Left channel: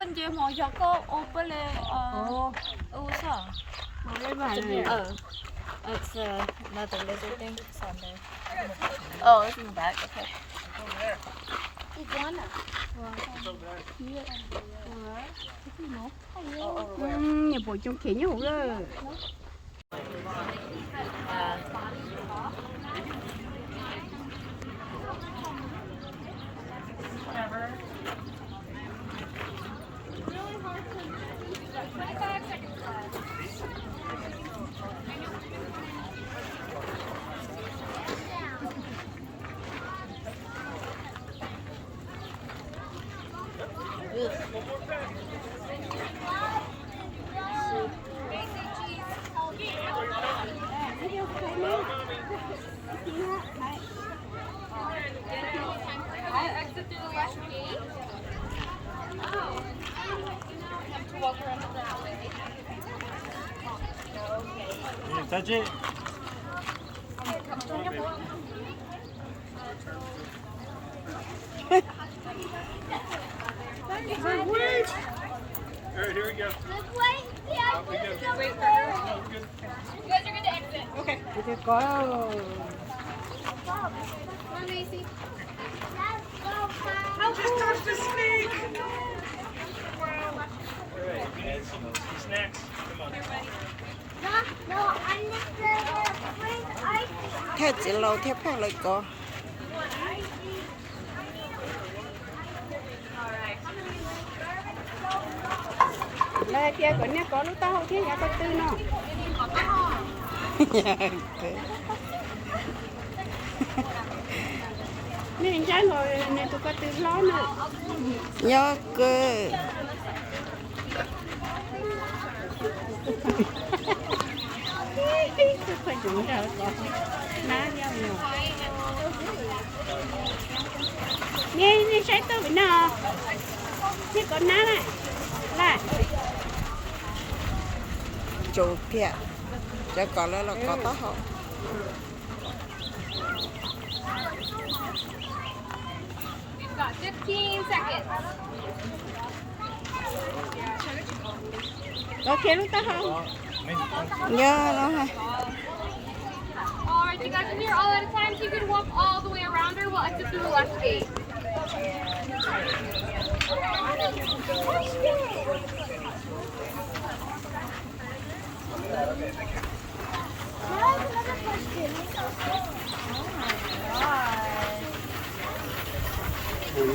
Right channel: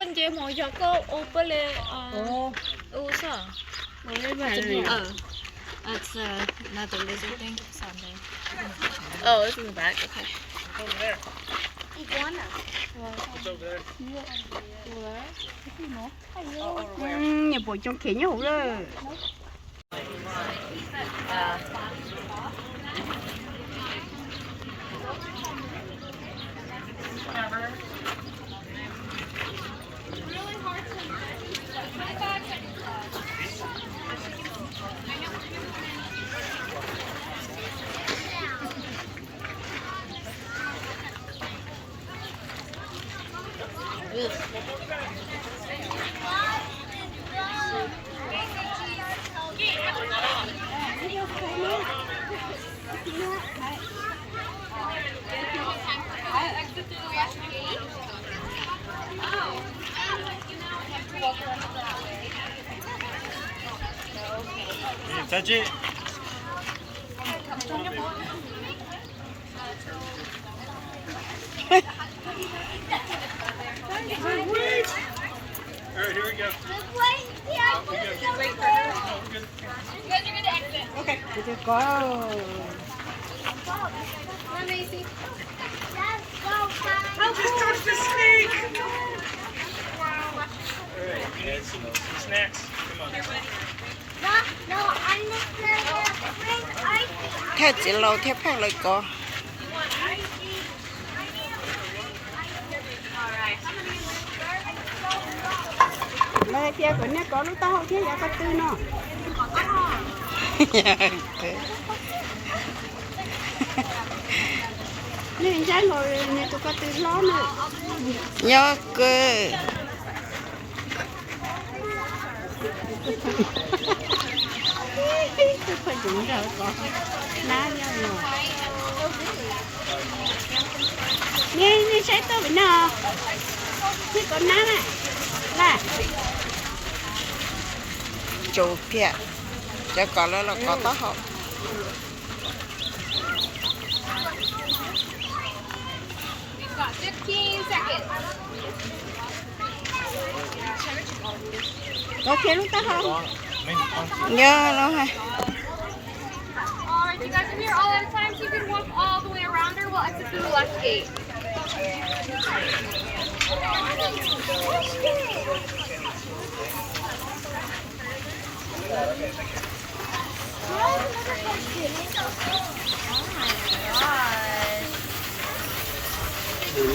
이제 뭐 저거 오빠래 웃어. Lấy bài này. It's another little thing. It's on there. Oh, it's in the back. Okay. Iguana. Nhà bộ trong kia nhau rồi. Touch it. Alright, here we go. Có. Touch the snake. Alright, you need some snacks. Come on. No, I'm the bring Theo chị lâu theo phát lại có. Đây kia của nó có lúc tao không thiếu giá có tư nó. Có tao hò. Nên chắc rồi nên tôi có tư nó nữa. nhớ cơ Tôi phải dùng đâu có. Ná nhau rồi. Nè, sẽ tôi bị nào. Cái con ná này. Là. chủ kia cho có là có tao học Got 15 seconds. Ok lúc tao không? nhớ nó ha Alright, you guys are here all at a time, so you can walk all the way around her. We'll exit through the left gate.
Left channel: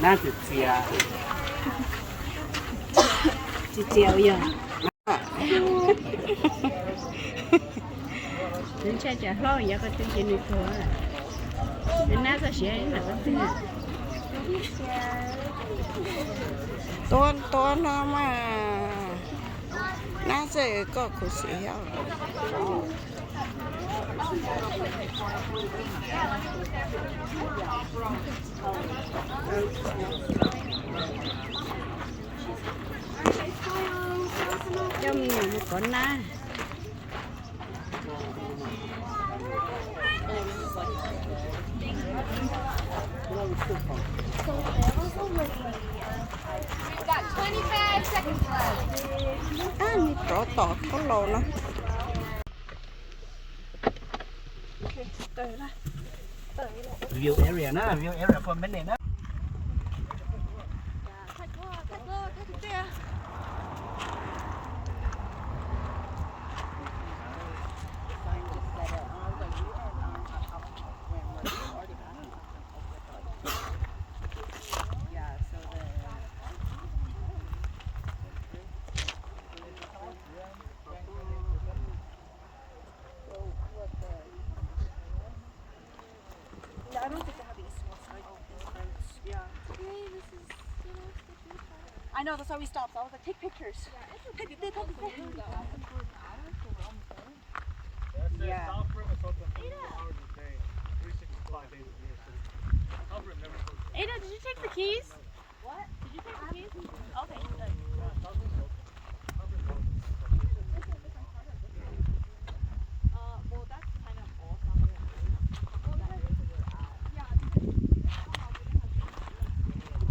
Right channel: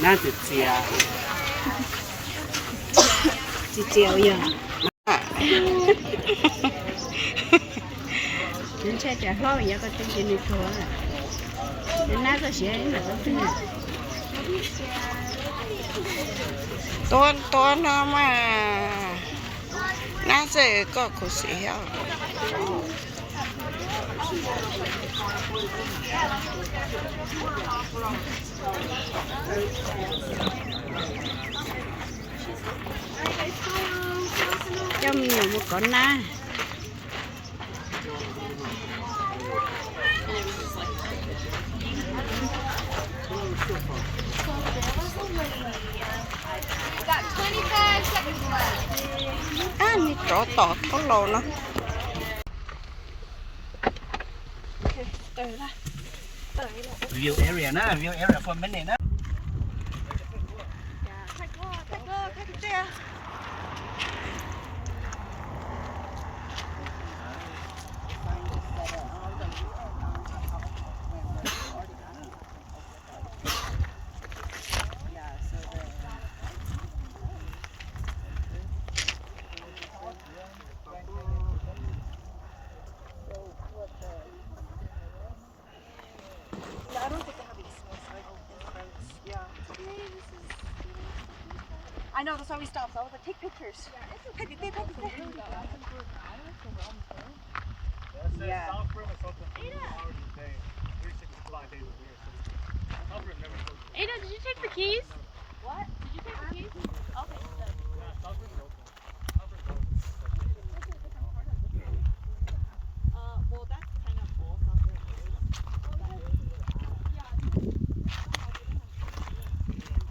Nó thịt xìa. Chị treo giờ. Đến xe trả hoa giờ có chân trên đi thôi. Đến nãy có xe là có chân này. tôi nó mà nó sẽ có cuộc sĩ heo Trong nhiều một con na. Got 25 seconds left. như chỗ tọt có lồ nó View area na, view area for a minute na. I know, that's why we stopped. So I was like, take pictures. Take it. Yeah. Ada, did you take the keys? What? Did you take the keys? Okay. Well, that's kind of awesome.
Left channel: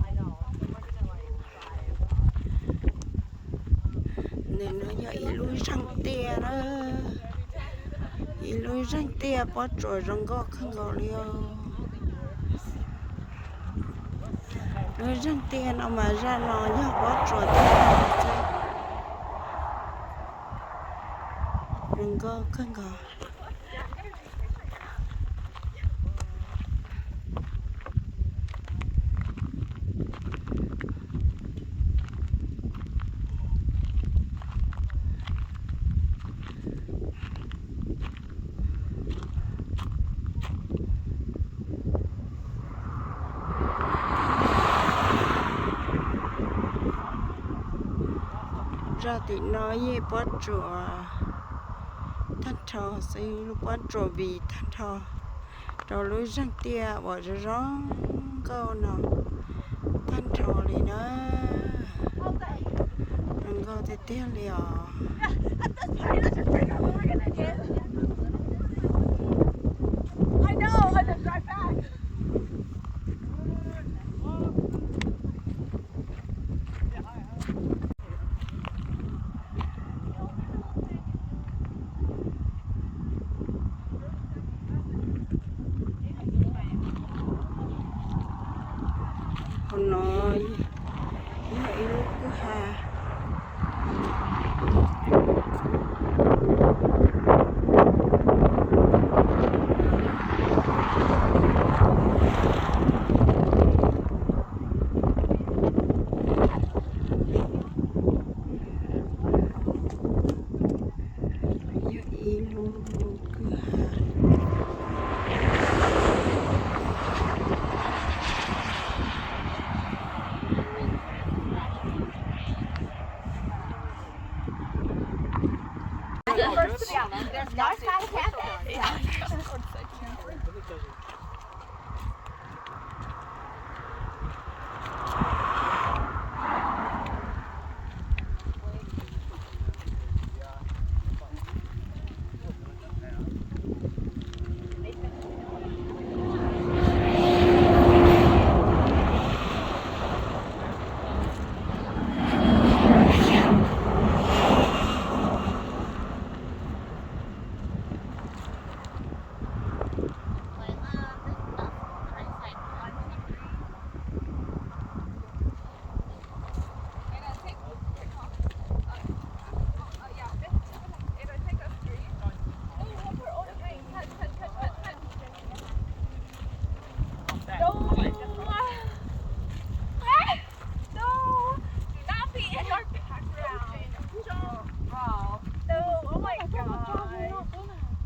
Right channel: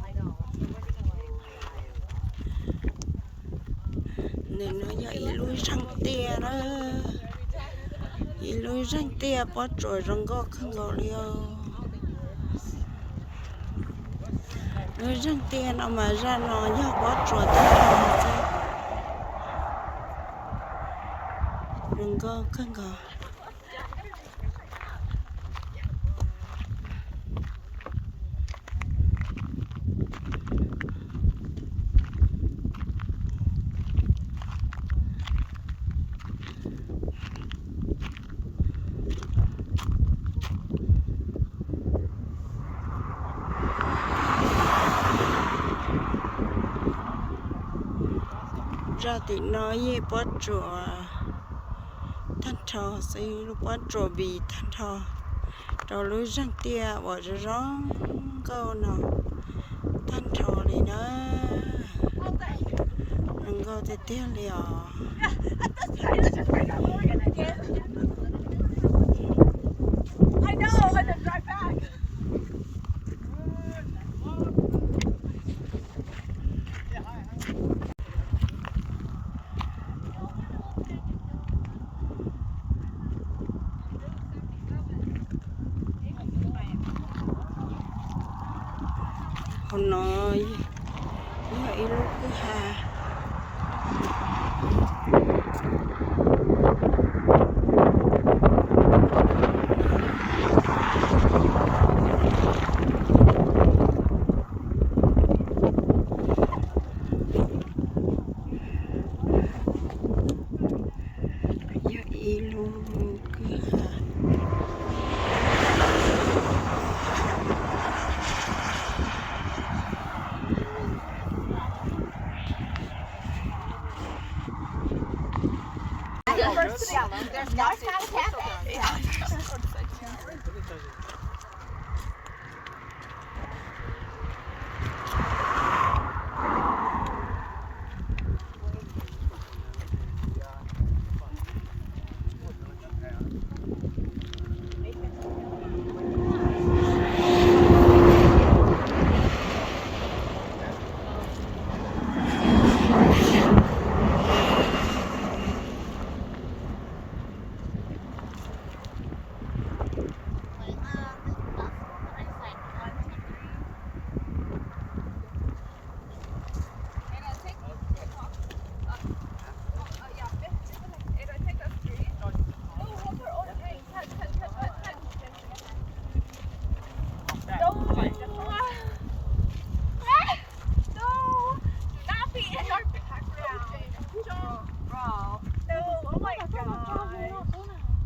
I know. để nó giờ lui sang tia đó lui sang tia bỏ trội rong gó không gó liêu lui sang tia nó mà ra nó nhớ bỏ trội tới rong gó không gó ra thì nói với bó chùa thanh thọ xây lúc bó chùa vì thanh thọ rồi lối răng tia bỏ ra rong câu nào thanh thọ đi nữa răng câu thì tia liò I know, and then drive back. hôm nay vậy lúc cứ hà vậy lúc cứ hà Yeah, there's gas station.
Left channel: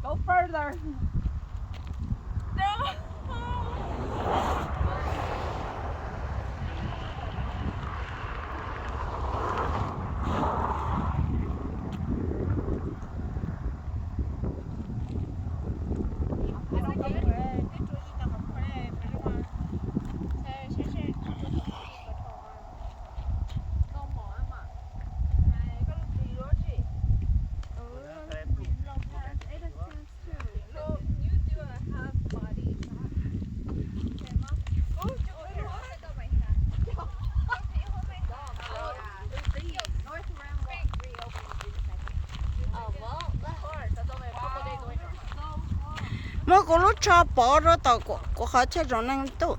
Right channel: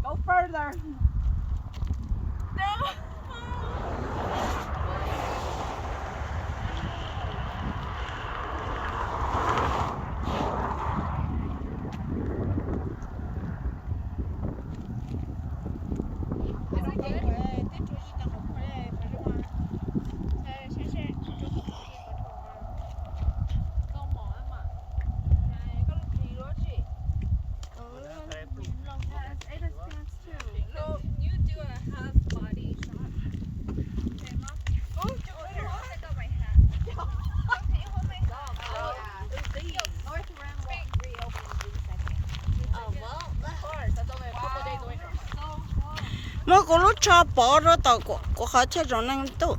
Go further. mà có lúc cho bỏ rồi tao có khó chơi rồi năng tụ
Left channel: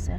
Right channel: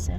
so